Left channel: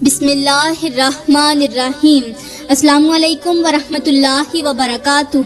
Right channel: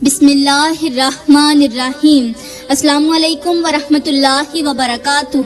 بسم اللہ الرحمن الرحیم۔ السلام علیکم ورحمۃ اللہ وبرکاتہ۔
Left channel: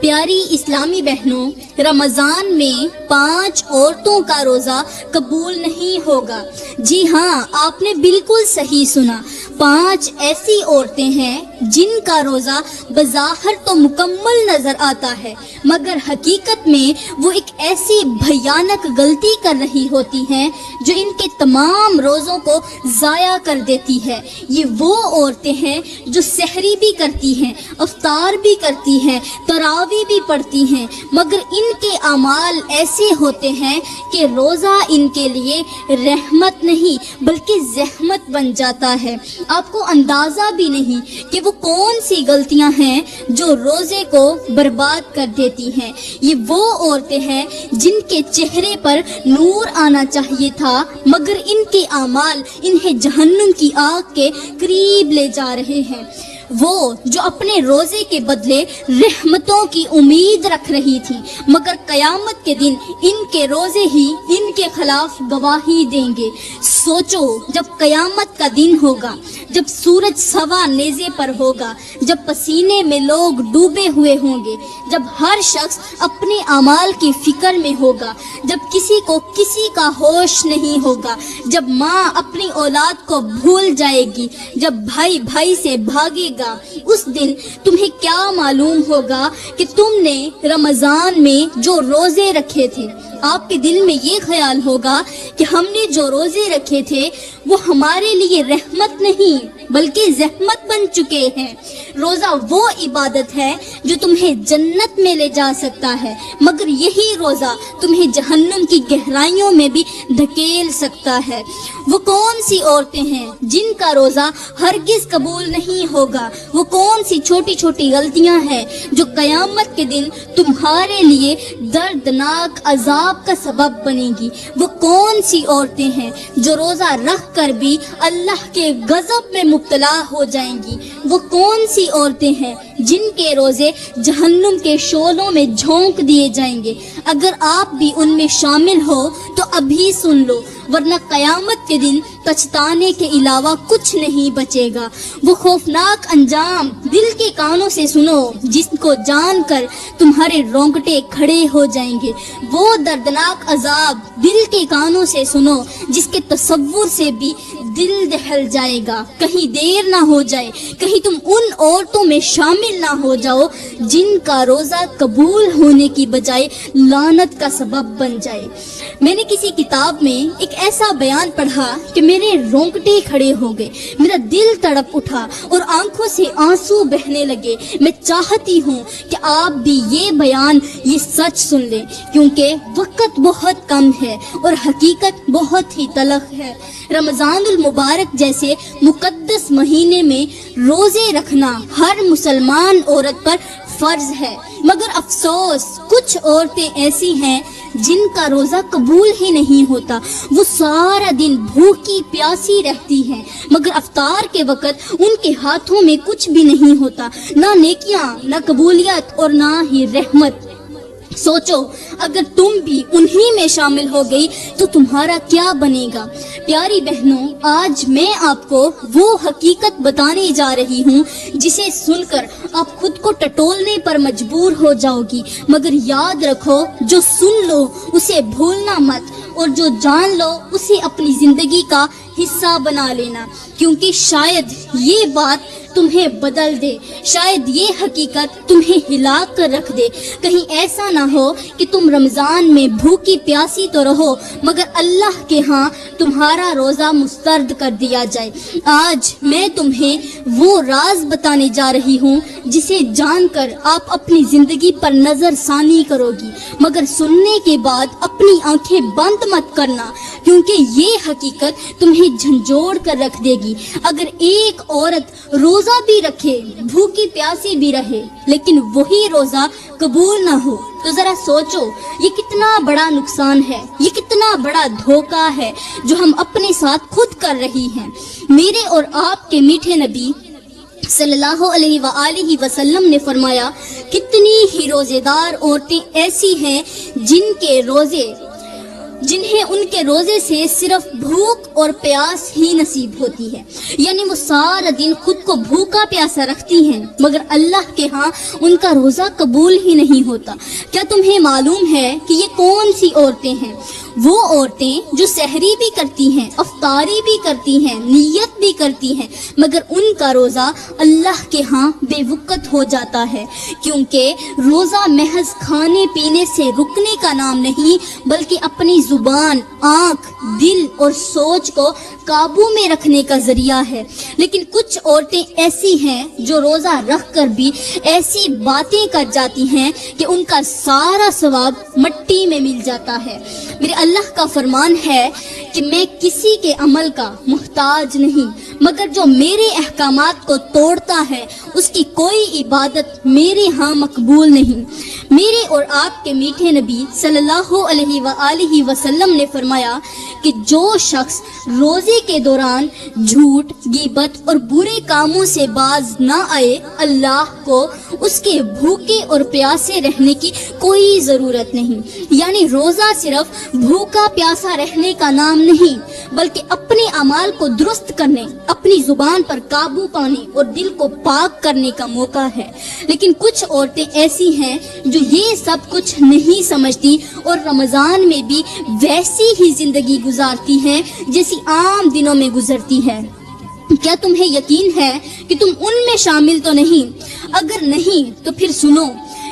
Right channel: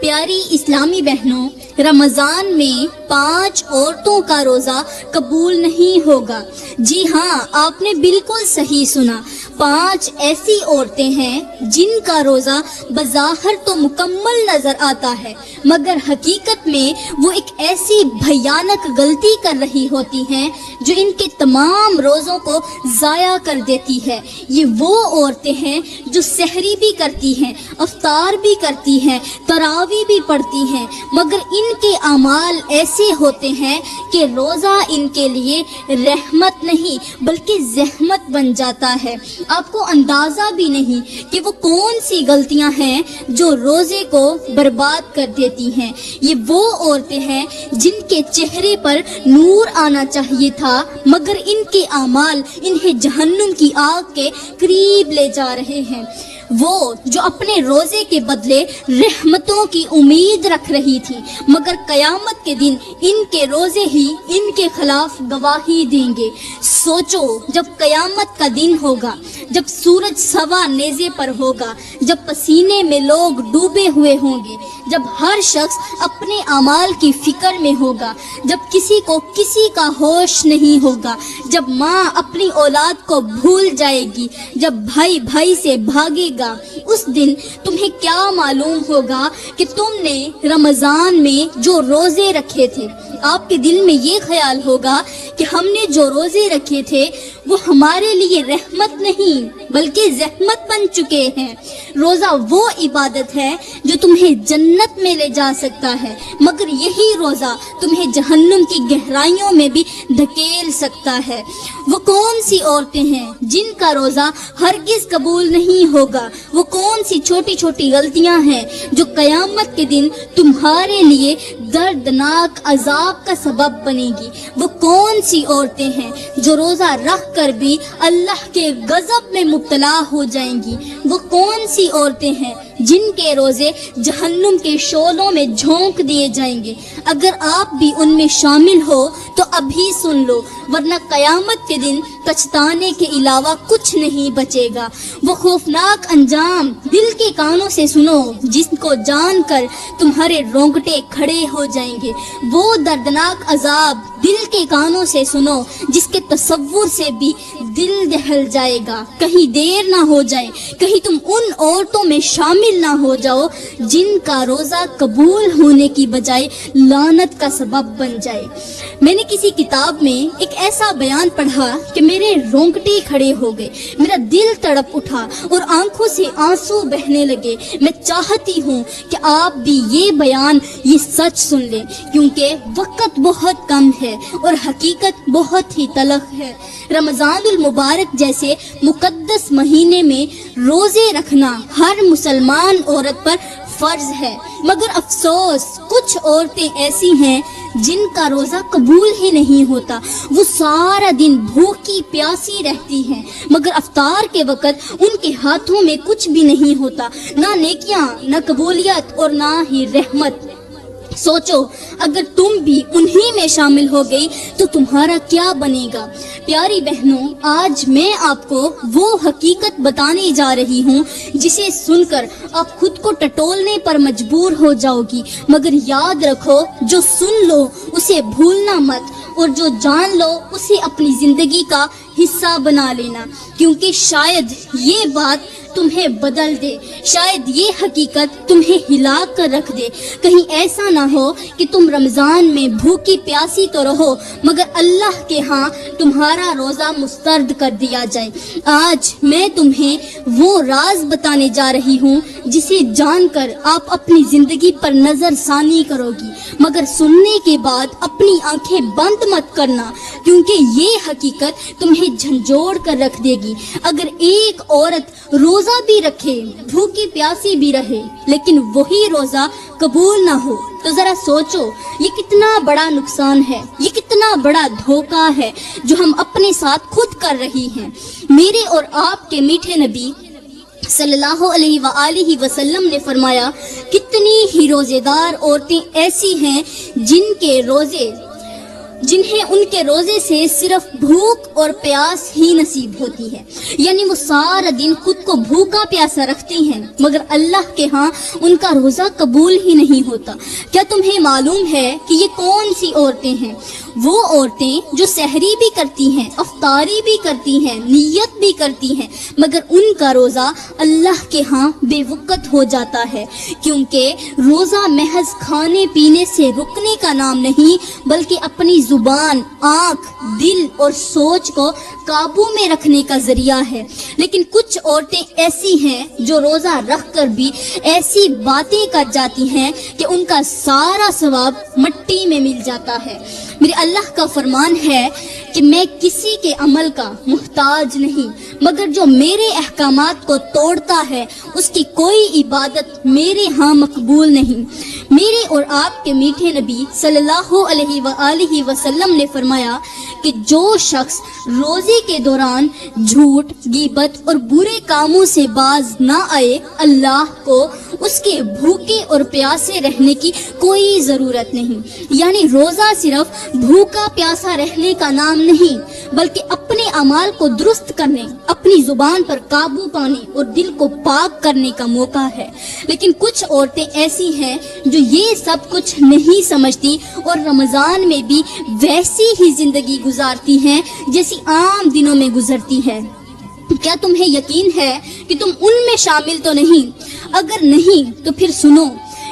پیاری اسلامی بہنوں، رمضان میں 5 عورتوں کا روزہ قبول نہیں ہوگا۔ جی ہاں، آپ نے بالکل صحیح سنا۔ 5 ایسی عورتیں ہیں جن کا روزہ بظاہر تو مکمل نظر آتا ہے، مگر حقیقت میں وہ ایک ایسی بھیانک غلطی کر رہی ہوتی ہیں جو ان کے تمام روزوں کو ضائع کر دیتی ہے۔ یہ وہ عورتیں ہیں جو سحری بھی کرتی ہیں، افطار بھی کرتی ہیں، تراویح بھی پڑھتی ہیں، مگر ان کے اعمال ایسے ہوتے ہیں کہ روزہ ان کے لیے رحمت نہیں بلکہ زحمت بن جاتا ہے۔ آپ کو اندازہ بھی نہیں کہ وہ کون سی غلطیاں ہیں جو روزے کو برباد کر دیتی ہیں۔ یہ وہ عورتیں ہیں جن کے چہرے پر نور آنا چاہیے تھا، مگر ان کے اعمال انہیں جہنم کی آگ کے قریب لے جا رہے ہیں۔ وہ جو اپنے روزے کے بدلے رحمتوں کی امید رکھ رہی تھی، مگر قیامت کے دن ان کے روزے ہی ان کے خلاف گواہی دیں گے۔ سوچو، جب قیامت کا دن ہوگا، جب سورج سوا نیزے پر ہوگا، جب پسینے میں لوگ ڈوبے ہوئے ہوں گے، جب ہر شخص اپنے اعمال کی فکر میں ہوگا، جب کسی کو کسی کا ہوش نہیں ہوگا، جب ماں اپنی اولاد کو بھول جائے گی، جب بھائی بھائی سے بھاگے گا، اس دن تمہیں کیا معلوم ہوگا کہ تم نے رمضان میں جو روزے رکھے تھے۔ آپ کے دل میں یہ خیال ہوگا کہ ہم نے جو روزے رکھے تھے وہ ہمارے لیے رحمت نہیں بلکہ زحمت بن چکے ہیں۔ روزہ وہ عبادت ہے جو تمہیں جنت میں لے جا سکتا ہے، مگر یہی روزہ تمہیں جہنم کی گہرائیوں میں بھی دھکیل سکتا ہے۔ وہ کون سی عورتیں ہیں جن کا روزہ ہرگز قبول نہیں ہوگا؟ وہ کون سی چھوٹی چھوٹی غلطیاں ہیں جو قیامت کے دن تمہارے لیے دردناک عذاب کا سبب بنے گی؟ وہ کون سی عورتیں ہیں جو روزہ رکھ کر بھی اللہ کے غضب میں مبتلا ہو جائیں گی؟ وہ کون سی عورتیں ہیں جن کے روزے جہنم کے شعلوں میں جھونک دیے جائیں گے؟ اگر آپ بھی ان میں شامل ہو تو ابھی سن لو، ورنہ قیامت کے دن پچھتانے کے علاوہ کچھ نہیں بچے گا۔ وہ خوفناک انجام دل کے کانوں سے سنو جس کو جان کر تمہارے رونگٹے کھڑے ہو جائیں گے۔ وہ دردناک عذاب دل کے کانوں سے سنو جس کے تصور سے بھی دل دہل جائے گا۔ کہیں دیر نہ ہو جائے، کہیں تم ان عورتوں میں شامل نہ ہو جاؤ جن کا روزہ قبول ہونے کی بجائے لعنت کا سبب بن جائے۔ میں نے کسی کتاب میں ایک ایسا بیان پڑھا کہ میرے رونگٹے کھڑے ہو گئے، میرا دل تڑپ اٹھا اور آنکھوں سے آنسو بہنے لگے۔ میں چاہتی ہوں کہ آپ بھی یہ بیان، یہ سچ سن لیں، کیونکہ وقت بہت کم ہے اور حقیقت بہت ہی تلخ ہے۔ رمضان المبارک جیسے مقدس مہینے میں روزے رکھنا ہر مسلمان عورت پر فرض ہے، مگر افسوس کچھ عورتیں ایسی ہیں جن کا روزہ قبول ہی نہیں ہوتا۔ وہ سارا دن بھوکی پیاسی رہتی ہیں، مگر افطار کے وقت ان کے ہاتھوں میں کچھ بھی نہیں ہوتا، نہ نیکیاں، نہ قبولیت اور نہ ہی رحمت۔ سوچو، اگر تم بھی انہی میں شامل ہو گئی تو تمہارا کیا بنے گا؟ پیاری بہنوں، آج میں آپ کو وہ حقیقت بتانے جا رہی ہوں جسے سن کر آپ خود کو ٹٹولنے پر مجبور ہو جاؤ گی، مگر یاد رکھو، جو سن لو اسے بھولنا مت، اور جو جان لو اسے اپنی زندگی کا حصہ بنا لینا، کیونکہ شاید یہ بات تمہیں بدل دے، شاید یہ حقیقت تمہیں ہلا کر رکھ دے۔ کہیں ایسا نہ ہو کہ تم رمضان میں بھوکی پیاسی تو رہو مگر اللہ کے ہاں تمہارا روزہ مسترد کر دیا جائے۔ آج میں تمہیں وہ راز بتانے جا رہی ہوں جسے جان کر آپ اپنی زندگی پر نظر ثانی کرو گی، مگر سننے کے بعد اپنی آنکھیں بند مت کرنا، کیونکہ یہ حقیقت تمہیں جھنجھوڑ کر رکھ دے گی۔ اگر ایک عورت روزہ بھی رکھے، بھوکی پیاسی بھی رہے، لیکن وہی روزہ قبول نہ ہو تو ذرا سوچو یہ کتنا بڑا نقصان ہے، یہ کتنا بڑا دھوکہ ہے جو ہم اپنے ساتھ خود کر رہی ہیں۔ میرے اور آپ کے میٹھے نبی صلی اللہ علیہ وآلہ وسلم نے فرمایا، کتنی ہی روزے دار عورتیں ایسی ہیں جن کے روزے جنہیں ان کے روزے سے صرف بھوک اور پیاس ہی نصیب ہوتی ہے، یعنی وہ سارا دن خود کو بھوکا پیاسا رکھتی ہیں مگر اللہ کے ہاں ان کا روزہ قبول ہی نہیں ہوتا۔ کیا تمہیں معلوم ہے کہ یہ کون سی عورتیں ہیں؟ وہ عورتیں جو سحری بھی کرتی ہیں، افطاری بھی کرتی ہیں، نیت بھی کرتی ہیں، مگر ان کا روزہ اللہ کے ہاں بے وقت ہو جاتا ہے، کیونکہ روزہ محض کھانے پینے سے رکنے کا نام نہیں بلکہ اپنی زبان، آنکھ، دل اور سوچ کو قابو میں رکھنے کا ذریعہ ہے۔ لیکن کچھ عورتیں ایسی ہیں جو روزہ رکھ کر بھی ایسی باتیں کر جاتی ہیں کہ ان کا سارا ثواب مٹی میں مل جاتا ہے۔ میرے اللہ کا فرمان ہے کہ میں کسی کے عمل کا محتاج نہیں، مگر جو میرے احکامات کو توڑتا ہے اس کی کوئی عبادت میرے ہاں مقبول نہیں۔ میرے اور آپ کے میٹھے نبی صلی اللہ علیہ وآلہ وسلم نے فرمایا کہ جو شخص روزے کے دوران جھوٹ، غیبت اور برے کاموں سے باز نہ آئے، اللہ کو اس کے بھوکے اور پیاسے رہنے کی کوئی ضرورت نہیں۔ یعنی روزہ صرف بھوکا پیاسا رہنے کا نام نہیں بلکہ اپنے اعمال کو درست کرنے، اپنی زبان پر قابو پانے اور دل کو پاک کرنے کا موقع ہے۔ لیکن کچھ عورتیں ایسی ہیں جو یہ سب کچھ نہیں سمجھتی اور رمضان میں بھی ویسی ہی زندگی گزارتی ہیں جیسی عام دنوں میں گزرتی ہے۔ کیا تمہیں یقین ہے کہ تم ان میں شامل تو نہیں؟ اگر نہیں تو پھر سنو،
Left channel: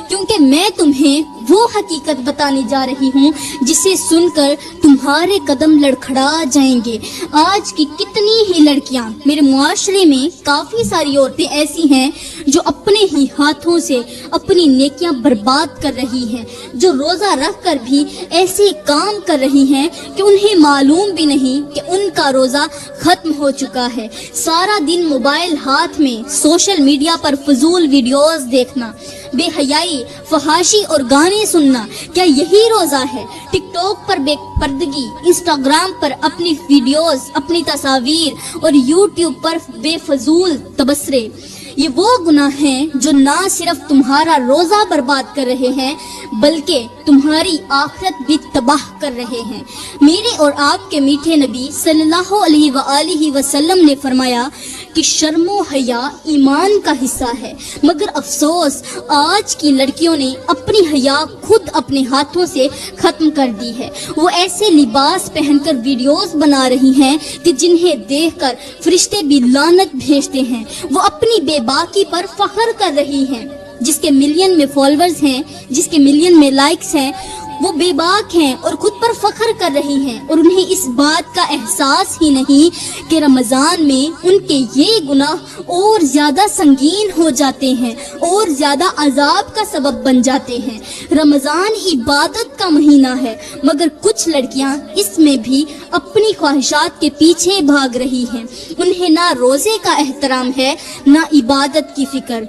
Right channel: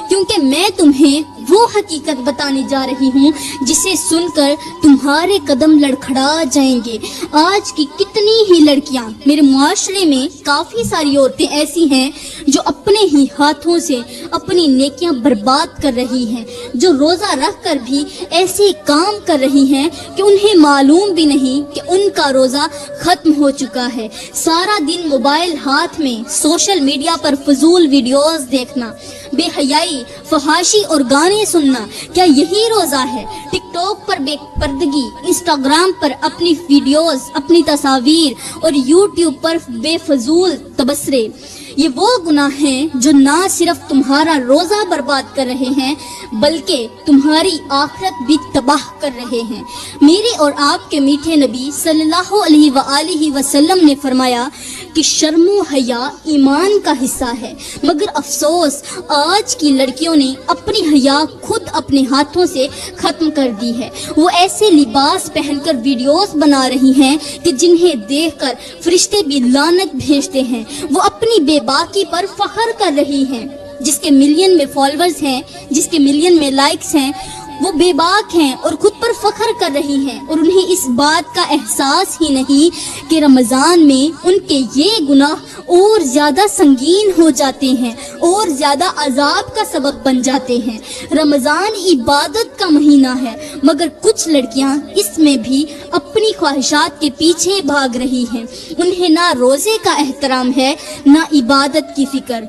کیونکہ میں تمہیں وہ حقیقت بتانے جا رہی ہوں جسے سن کر تمہارے قدم لڑکھڑا جائیں گے۔ آج کی کتنی ہی لڑکیاں، میرے معاشرے میں کافی ساری عورتیں ایسی ہیں جو اپنے ہی ہاتھوں سے اپنی نیکیاں برباد کر رہی ہیں، جو روزہ رکھ کر بھی ایسے کام کر رہی ہیں کہ انہیں معلوم بھی نہیں کہ ان کا روزہ ختم ہو چکا ہے۔ سارا دن موبائل ہاتھ میں، سوشل میڈیا پر فضول ویڈیوز دیکھنا، بے حیائی، فحاشی اور گانے سننا، کیا یہی روزہ ہے؟ ٹک ٹاک پر بے پردگی، انسٹاگرام پر اپنی ویڈیوز، اپنی تصاویر اور یوٹیوب پر بے فضول تبصرے، یہ وہ گناہ ہیں جو نہ صرف تمہارا روزہ برباد کر رہے ہیں بلکہ تمہاری آخرت بھی تباہ کر رہے ہیں۔ میرے اور آپ کے میٹھے نبی صلی اللہ علیہ وآلہ وسلم نے فرمایا کہ شرم و حیا ایمان کا حصہ ہے، مگر افسوس آج کی لڑکیوں نے اپنی حیا خود اپنے ہاتھوں سے ختم کر دی ہے۔ وہ ایسے لباس پہن کر ویڈیوز بنا رہی ہیں کہ جنہیں دیکھ کر فرشتے بھی لعنت بھیجتے ہیں۔ وہ اپنی بے باکی پر فخر کر رہی ہیں۔ جس کے ملین میں فالوورز ہیں، جس کے ملین میں لائکس ہیں، وہ بے باک ہیں اور خود پر فخر کر رہی ہیں، اور انہیں اس بات کا احساس ہی نہیں کہ رمضان میں ان کے یہ گناہ اور زیادہ سنگین ہو جاتے ہیں اور زیادہ عذاب کا سبب بن جاتے ہیں۔ رمضان عبادت کا مہینہ ہے، مگر کچھ لڑکیاں اس میں بھی اپنی خواہشات کے پیچھے بھاگ رہی ہیں۔ انہیں نہ روزے کا احترام ہے، نہ عبادت کی فکر۔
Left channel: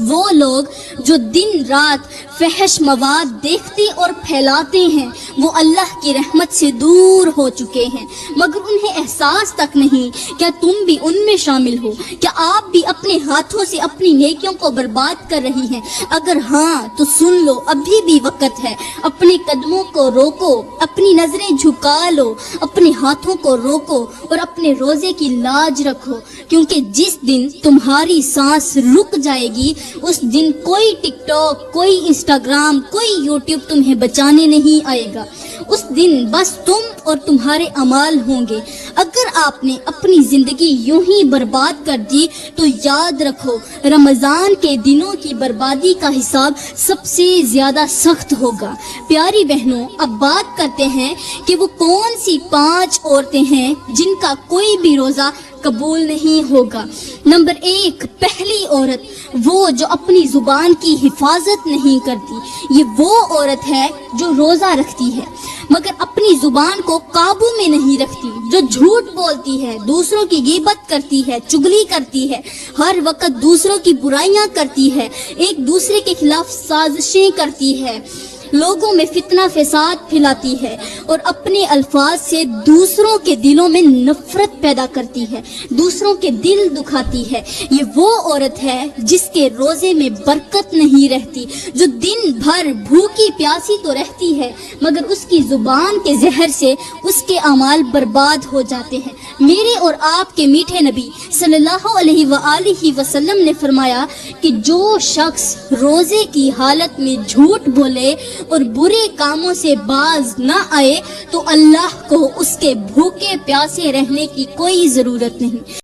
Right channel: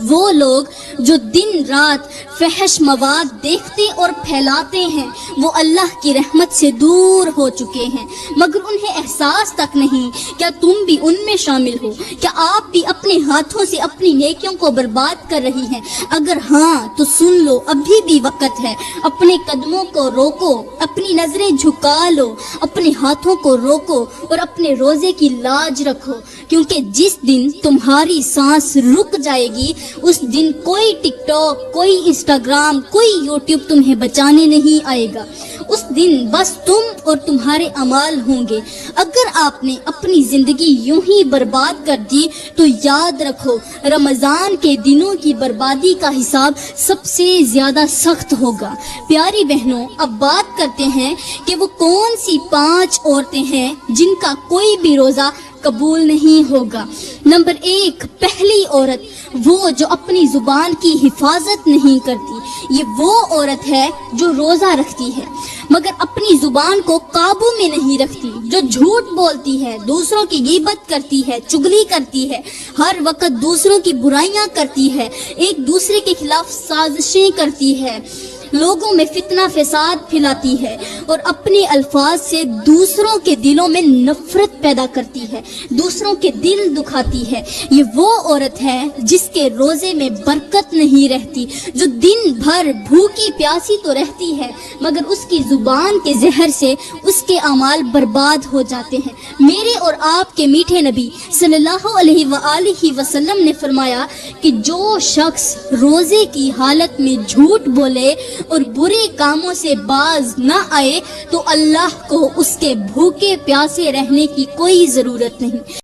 وہ لوگ جو دن رات فحش مواد دیکھتے اور پھیلاتے ہیں وہ اللہ کی رحمت سے دور ہو چکے ہیں، مگر انہیں احساس تک نہیں۔ کیا تم بھی ان میں شامل ہو؟ کیا آپ بھی اپنے ہاتھوں سے اپنی نیکیوں کو برباد کر رہی ہیں؟ اگر ہاں تو سن لو، ابھی بھی وقت ہے۔ اپنے قدموں کو روکو، اپنی نظریں جھکا لو، اپنے ہاتھوں کو روکو اور اپنے روزے کی لاج رکھو، کیونکہ جس دن تمہاری سانس رک جائے گی اس دن کوئی ٹک ٹاک، کوئی انسٹاگرام، کوئی یوٹیوب تمہیں بچانے نہیں آئے گا۔ اس دن بس تم اور تمہارے اعمال ہوں گے۔ اگر آپ نے اپنی زندگی یوں ہی برباد کر دی تو یاد رکھو رمضان کے دنوں کی بربادی کا حساب سب سے زیادہ سخت ہوگا۔ پیاری بہنوں، اب بات کرتے ہیں کہ وہ کون سی 5 عورتیں ہیں جن کا کوئی بھی روزہ قبول نہیں ہوگا۔ نمبر 1، پہلی عورت، وہ جو اپنی زبان کی حفاظت نہیں کرتی۔ یہ وہ عورت ہے جو روزہ رکھتی ہے مگر اپنی زبان کو قابو میں نہیں رکھتی، جو جھوٹ بولتی ہے، دوسروں کی غیبت کرتی ہے، چگلی کرتی ہے، ہر وقت دوسروں کی برائیاں کرتی ہے، ایک دوسرے کے خلاف سازشیں کرتی ہے، لوگوں میں فتنہ فساد پھیلاتی ہے اور اپنے الفاظ سے دوسروں کے دلوں میں نفرت پیدا کرتی ہے، دوسروں کے دل دکھاتی ہے، یہ وہ عورت ہے جس کے روزے میں برکت نہیں رہتی، جو دن بھر بھوکی پیاسی تو رہتی ہے مگر اس کی زبان کے زہر سے اس کے اعمال برباد ہو جاتے ہیں۔ میرے اور آپ کے میٹھے نبی صلی اللہ علیہ وآلہ وسلم نے فرمایا کہ جو شخص روزے کی حالت میں جھوٹ بولے اور برے کاموں سے باز نہ آئے تو اللہ کو اس کے بھوکے پیاسے رہنے کی کوئی ضرورت نہیں۔